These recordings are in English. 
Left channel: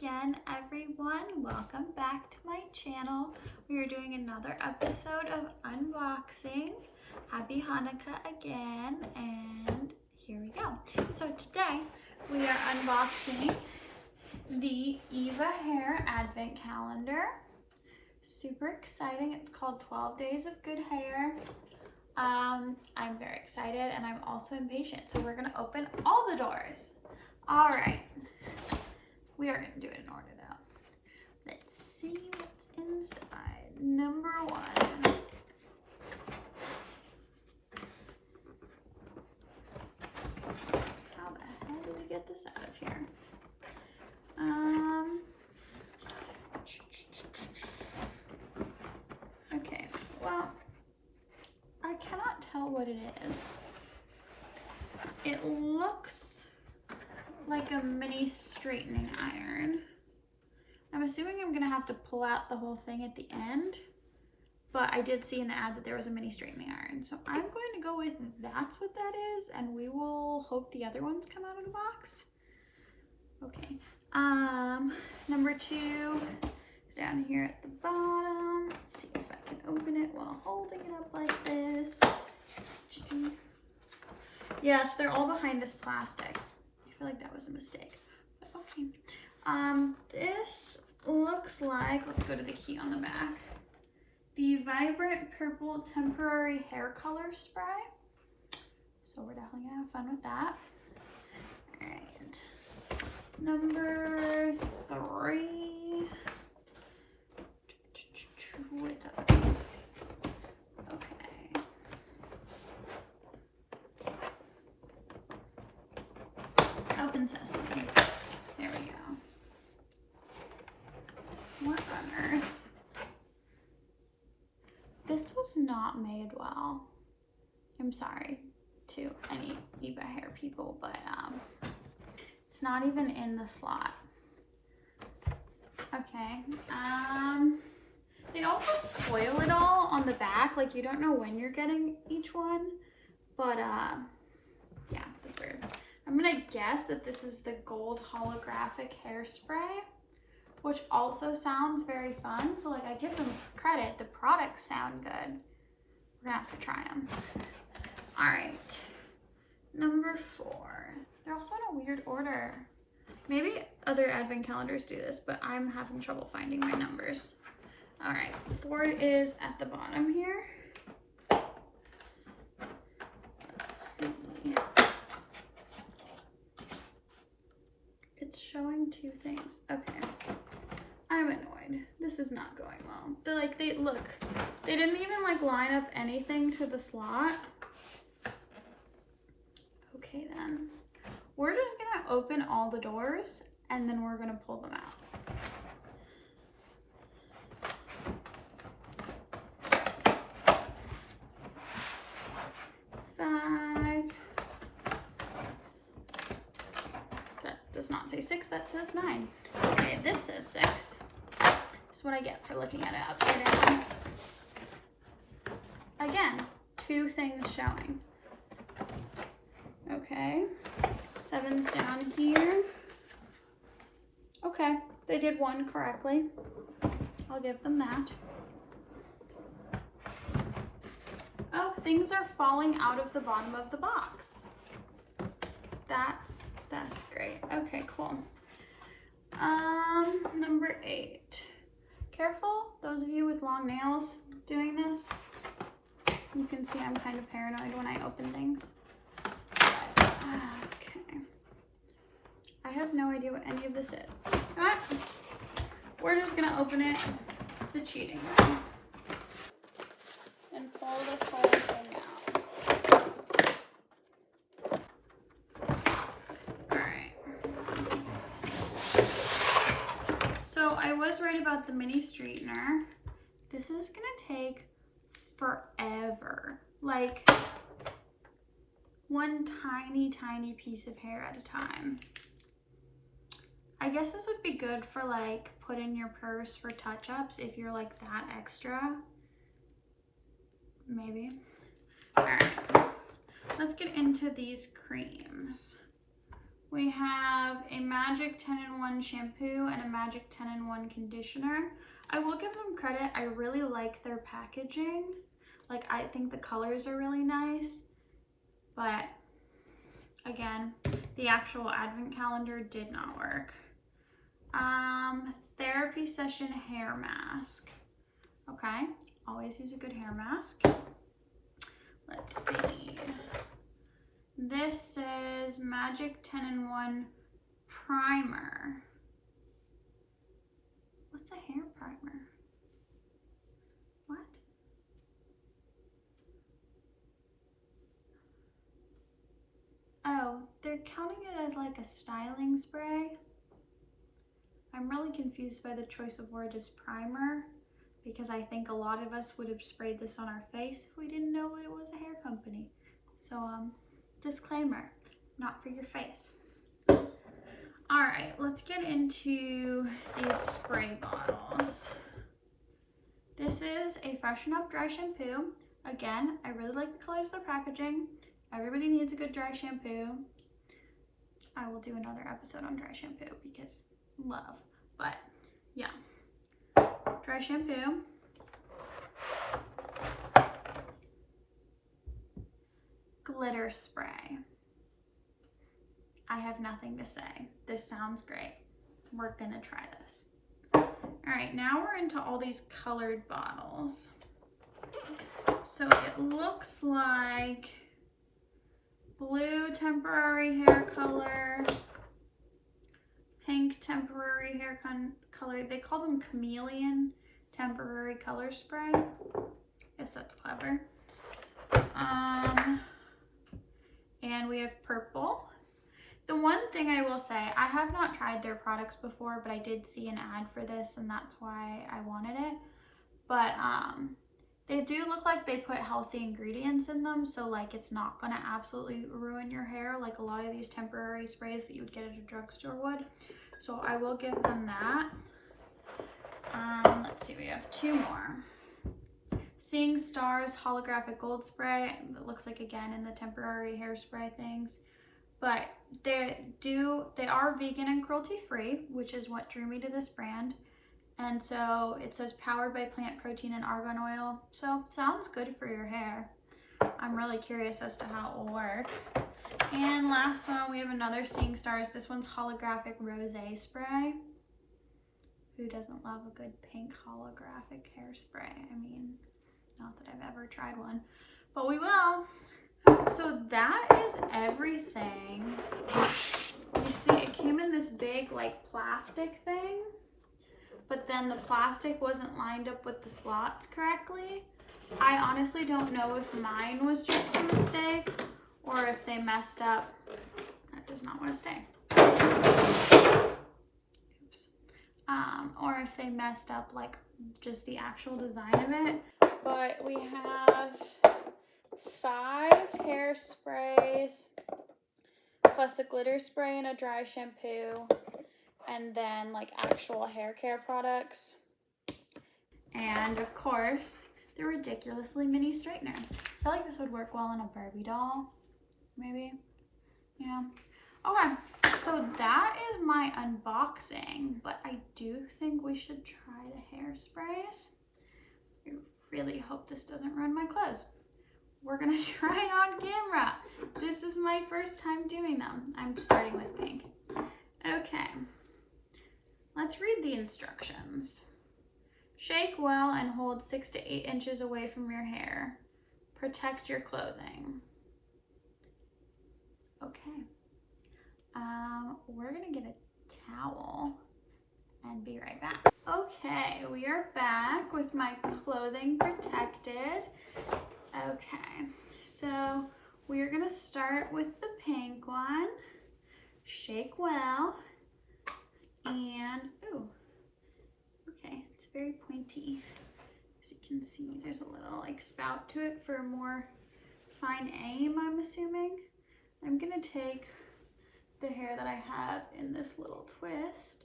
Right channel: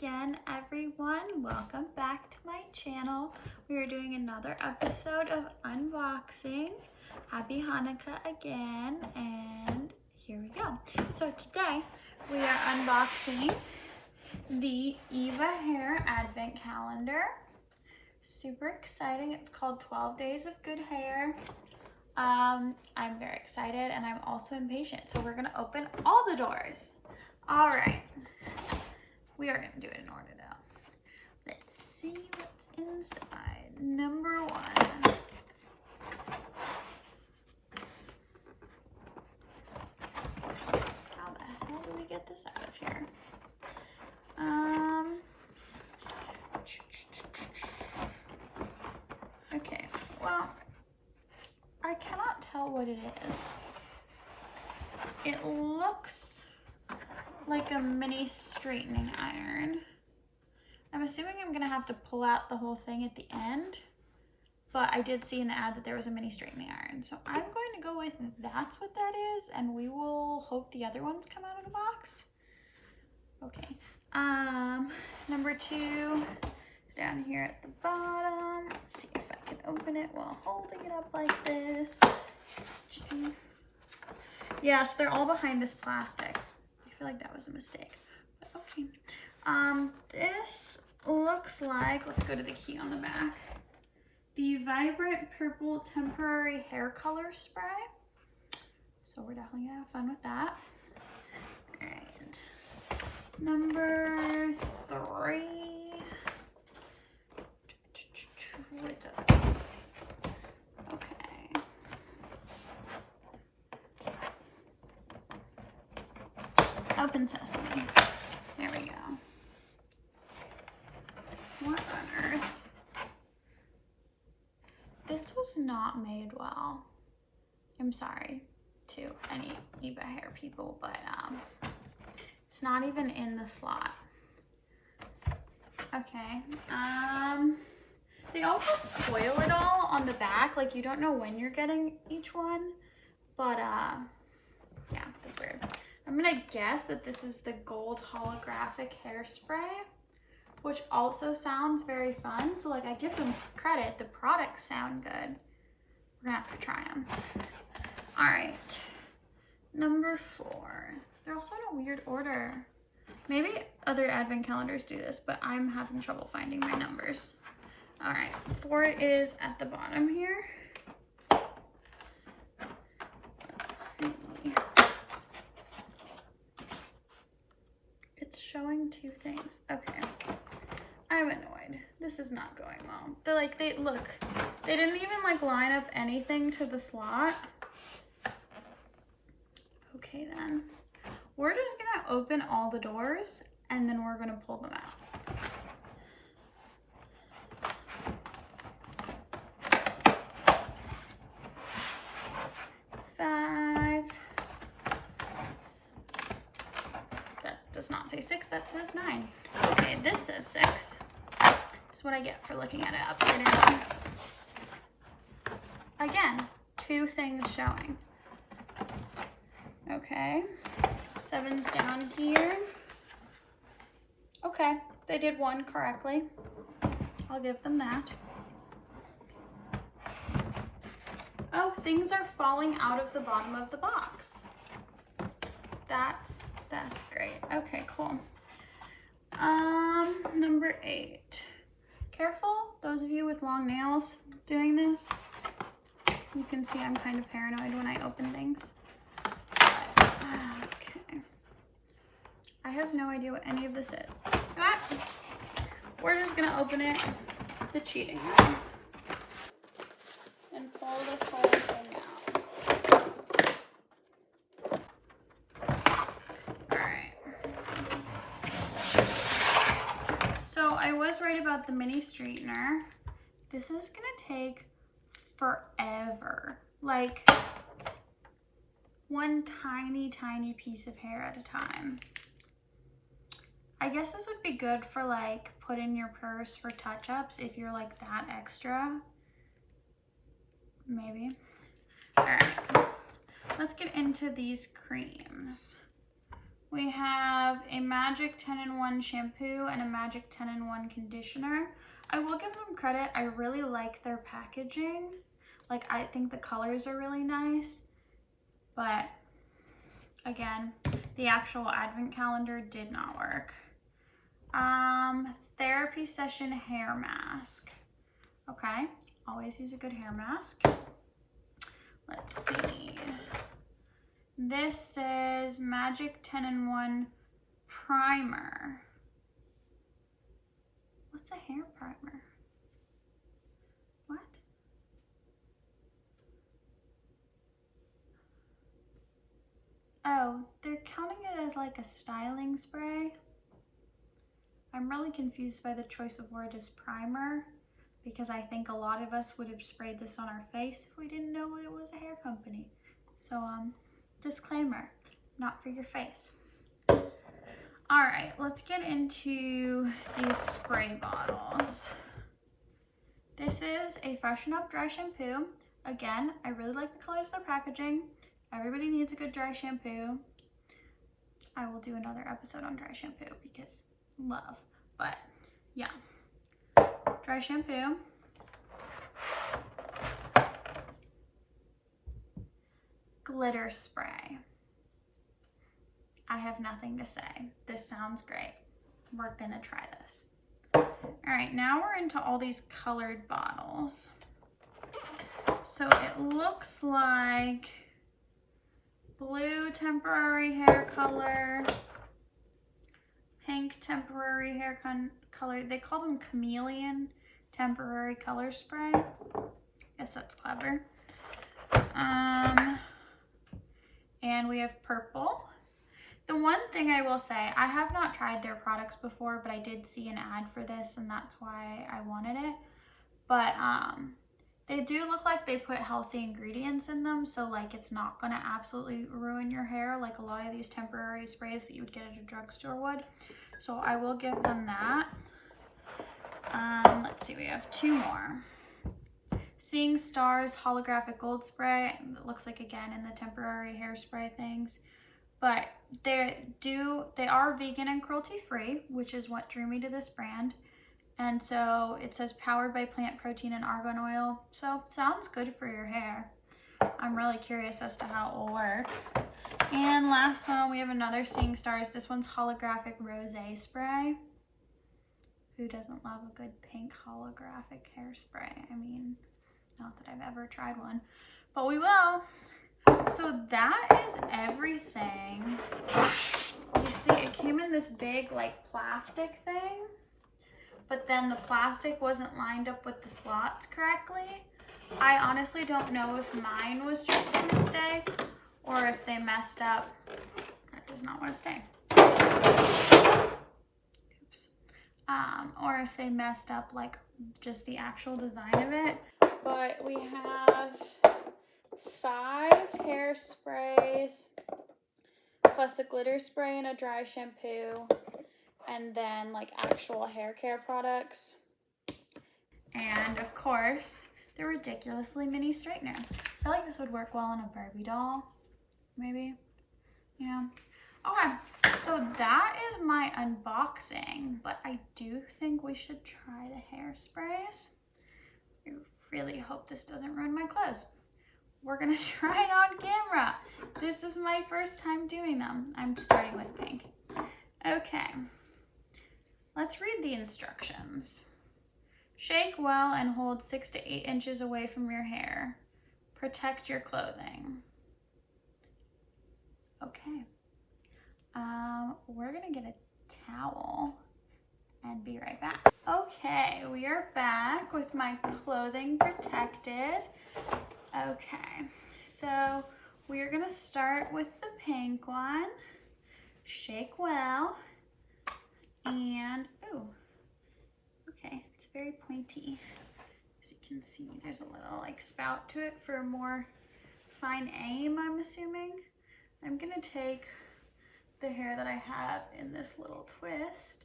again, everyone. Welcome back to my channel. We are doing another episode of unboxing. Happy Hanukkah again, and here we go. So today we are unboxing the Eva Hair Advent Calendar. Super exciting. It's called 12 Days of Good Hair. I'm very excited and I'm also impatient. So we're gonna open all the doors. All right. We are gonna do it in order though. Let's see what's inside. Number one. How the hell do we get this out of here? Okay, well, I cannot tell what it is. It looks like a mini straightening iron. I'm assuming I'm gonna have to pull out the whole thing at the end, but I did see in the ad that there was a mini straightening iron. So I'm going to go with that's what that is, and we will hope the other ones come out of the box. Okay, number two, down here at the bottom. Let's see if I can open it while holding it up like this. Yes, they're all behind this plastic. I feel like that was a mistake, but okay. This looks like, let's go to the key on the back. The Vibrant Purple Temporary Hair Color Spray. So we're definitely gonna have fun with that. All right, number three. What's up? Okay. Open sesame. There we go. What on earth? This was not made well. I'm sorry to any Eva Hair people, but it's not even in the slot. Okay. They also spoil it all on the back, like you don't know when you're getting each one, but yeah, that's weird. I'm gonna guess that this is the gold holographic hairspray, which also sounds very fun. So like I give them credit, the products sound good. We're gonna have to try them. All right, number four. They're also in a weird order. Maybe other advent calendars do this, but I'm having trouble finding my numbers. All right, four is at the bottom here. Let's see. It's showing two things. Okay, I'm annoyed. This is not going well. They didn't even like line up anything to the slot. Okay then, we're just gonna open all the doors and then we're gonna pull them out. Does not say 6, that says 9. Okay, this says 6. This is what I get for looking at it upside down. Again, two things showing. Okay, 7's down here. Okay, they did one correctly. I'll give them that. Oh, things are falling out of the bottom of the box. That's great. Okay, cool. Number 8. Careful, those of you with long nails doing this. You can see I'm kind of paranoid when I open things. Okay. I have no idea what any of this is. We're just gonna open it the cheating way and pull this whole thing out. So I was right about the mini straightener. This is gonna take forever. Like one tiny piece of hair at a time. I guess this would be good for like put in your purse for touch-ups if you're like that extra. Maybe. All right, let's get into these creams. We have a Magic 10-in-1 shampoo and a Magic 10-in-1 conditioner. I will give them credit. I really like their packaging. Like, I think the colors are really nice. But again, the actual advent calendar did not work. Therapy session hair mask. Okay, always use a good hair mask. Let's see. This says Magic 10-in-1 primer. What's a hair primer? What? Oh, they're counting it as like a styling spray. I'm really confused by the choice of word as primer, because I think a lot of us would have sprayed this on our face if we didn't know it was a hair company. So, disclaimer, not for your face. All right, let's get into these spray bottles. This is a Freshen Up Dry Shampoo. Again, I really like the colors of the packaging. Everybody needs a good dry shampoo. I will do another episode on dry shampoo because love, but yeah. Dry shampoo. Glitter spray. I have nothing to say. This sounds great. We're gonna try this. All right, now we're into all these colored bottles. So it looks like blue temporary hair color, pink temporary hair color. They call them chameleon temporary color spray. Guess that's clever. And we have purple. The one thing I will say, I have not tried their products before, but I did see an ad for this and that's why I wanted it. But they do look like they put healthy ingredients in them, so like it's not gonna absolutely ruin your hair like a lot of these temporary sprays that you would get at a drugstore would. So I will give them that. Let's see, we have two more. Seeing Stars Holographic Gold Spray. That looks like, again, in the temporary hairspray things. But they are vegan and cruelty free, which is what drew me to this brand. And so it says powered by plant protein and argan oil. So sounds good for your hair. I'm really curious as to how it will work. And last one, we have another Seeing Stars. This one's Holographic Rosé Spray. Who doesn't love a good pink holographic hairspray? I mean, not that I've ever tried one, but we will. So that is everything. You see, it came in this big like plastic thing, but then the plastic wasn't lined up with the slots correctly. I honestly don't know if mine was just a mistake or if they messed up. That does not want to stay. Oops. Or if they messed up like just the actual design of it. But we have 5 hairsprays plus a glitter spray and a dry shampoo, and then like actual hair care products, and of course the ridiculously mini straightener. I feel like this would work well on a Barbie doll, maybe. Yeah. Okay, so that is my unboxing, but I do think we should try the hairsprays. I really hope this doesn't ruin my clothes. We're gonna try it on camera. This is my first time doing them. I'm starting with pink. Okay, let's read the instructions. Shake well and hold 6 to 8 inches away from your hair. Protect your clothing. Okay. We're gonna get a towel and be right back. Okay, we are back with my clothing protected. Okay, so we are gonna start with the pink one. Shake well, and ooh, okay, it's very pointy. As you can see, there's a little like spout to it for more fine aim, I'm assuming. I'm gonna take the hair that I have in this little twist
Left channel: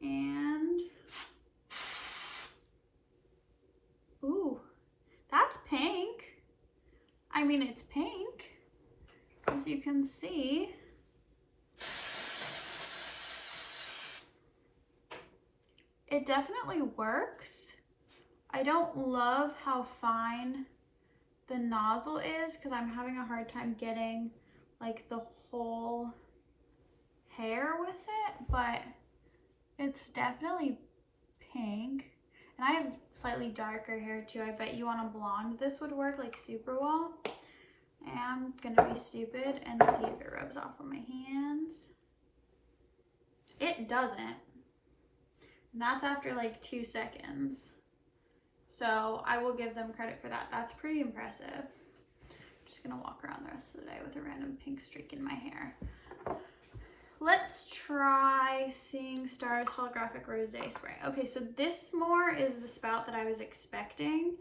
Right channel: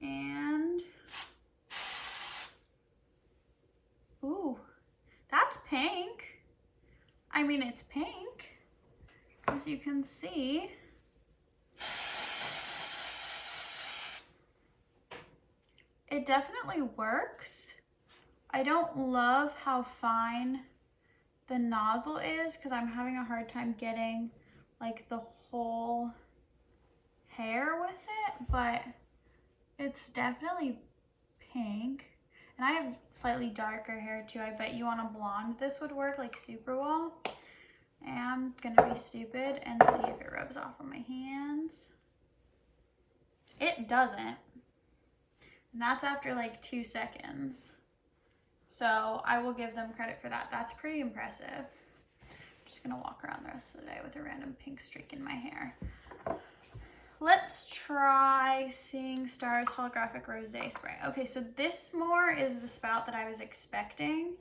and ooh, that's pink. I mean, it's pink, as you can see. it definitely works. I don't love how fine the nozzle is because I'm having a hard time getting like the whole hair with it, but it's definitely pink. And I have slightly darker hair too. I bet you on a blonde this would work like super well. And I'm gonna be stupid and see if it rubs off on my hands. It doesn't. And that's after like 2 seconds. So I will give them credit for that. That's pretty impressive. I'm just gonna walk around the rest of the day with a random pink streak in my hair. Let's try Seeing Stars Holographic Rosé Spray. Okay, so this more is the spout that I was expecting.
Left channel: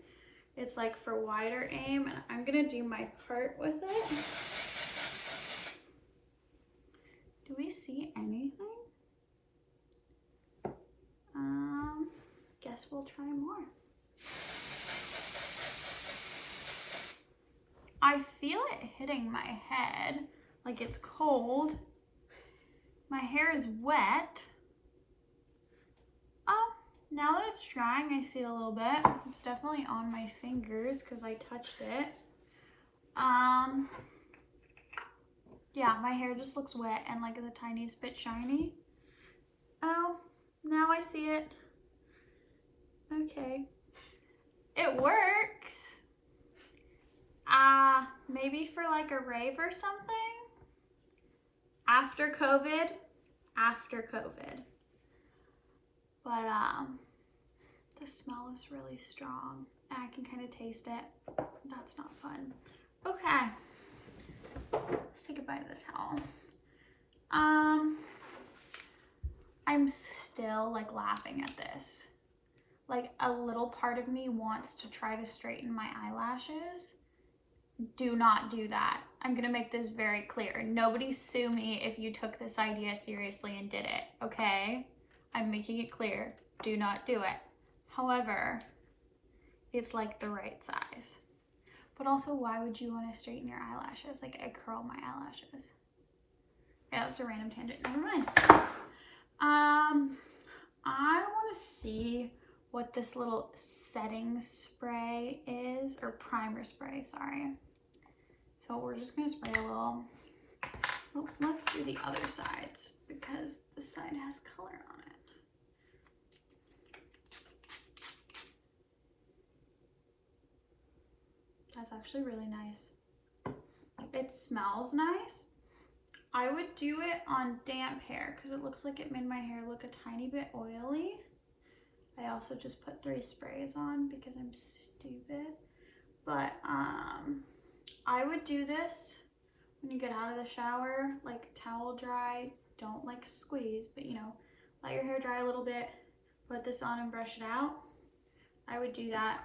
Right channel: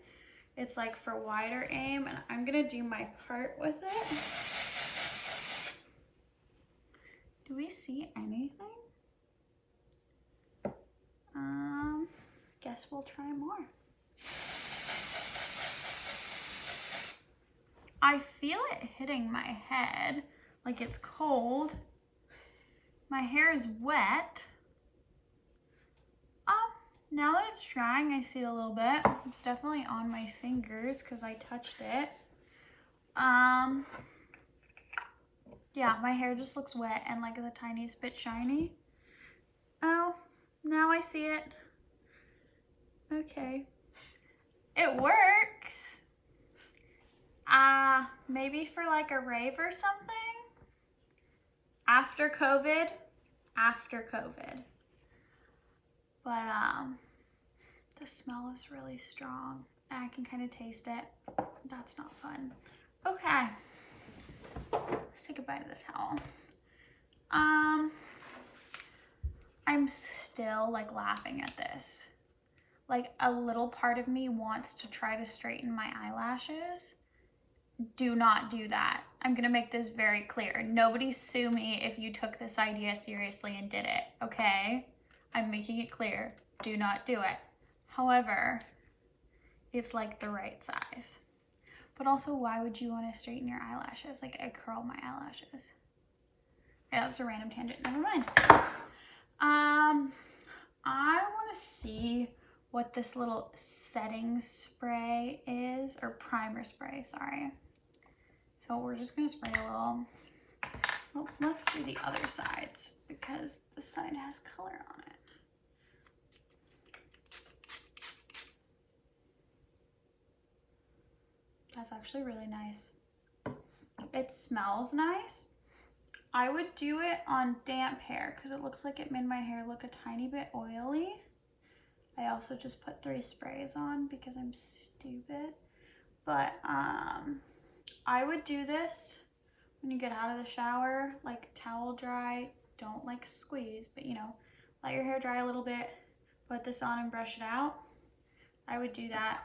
It's like for wider aim, and I'm gonna do my part with it. Do we see anything? Guess we'll try more. I feel it hitting my head, like it's cold. My hair is wet. Now that it's drying, I see it a little bit. It's definitely on my fingers because I touched it. Yeah, my hair just looks wet and like the tiniest bit shiny. Oh, now I see it. Okay. It works. Maybe for like a rave or something. After COVID. But the smell is really strong. I can kind of taste it. That's not fun. Okay. Let's say goodbye to the towel. I'm still like laughing at this. Like a little part of me wants to try to straighten my eyelashes. Do not do that. I'm gonna make this very clear. Nobody sue me if you took this idea seriously and did it, okay? I'm making it clear. Do not do it. However, it's like the right size. But also, why would you want to straighten your eyelashes? Like, I curl my eyelashes. Yeah, that's a random tangent. Never mind. I want to see what this little setting spray is, or primer spray, sorry. So we're just going to spray a little. Well, let's do the other sides because this side has color on it. That's actually really nice. It smells nice. I would do it on damp hair because it looks like it made my hair look a tiny bit oily. I also just put 3 sprays on because I'm stupid. But I would do this when you get out of the shower, like towel dry. Don't like squeeze, but you know, let your hair dry a little bit, put this on and brush it out. I would do that.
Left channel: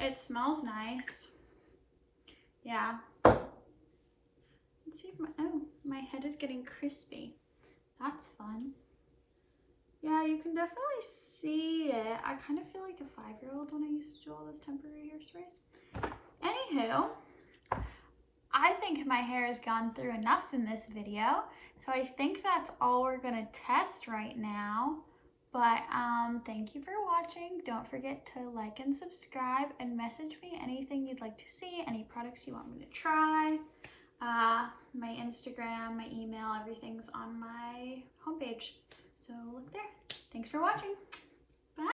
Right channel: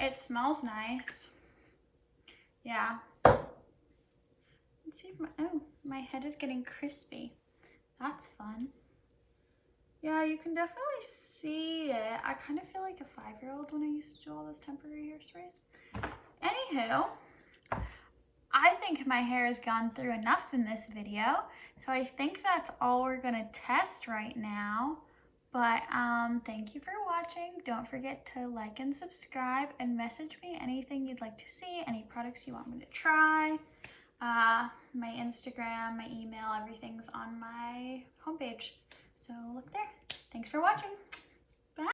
It smells nice. Yeah. Let's see if my head is getting crispy. That's fun. Yeah, you can definitely see it. I kind of feel like a 5-year-old when I used to do all those temporary hairsprays. Anywho, I think my hair has gone through enough in this video. So I think that's all we're gonna test right now. But thank you for watching. Don't forget to like and subscribe and message me anything you'd like to see, any products you want me to try. My Instagram, my email, everything's on my homepage. So look there. Thanks for watching.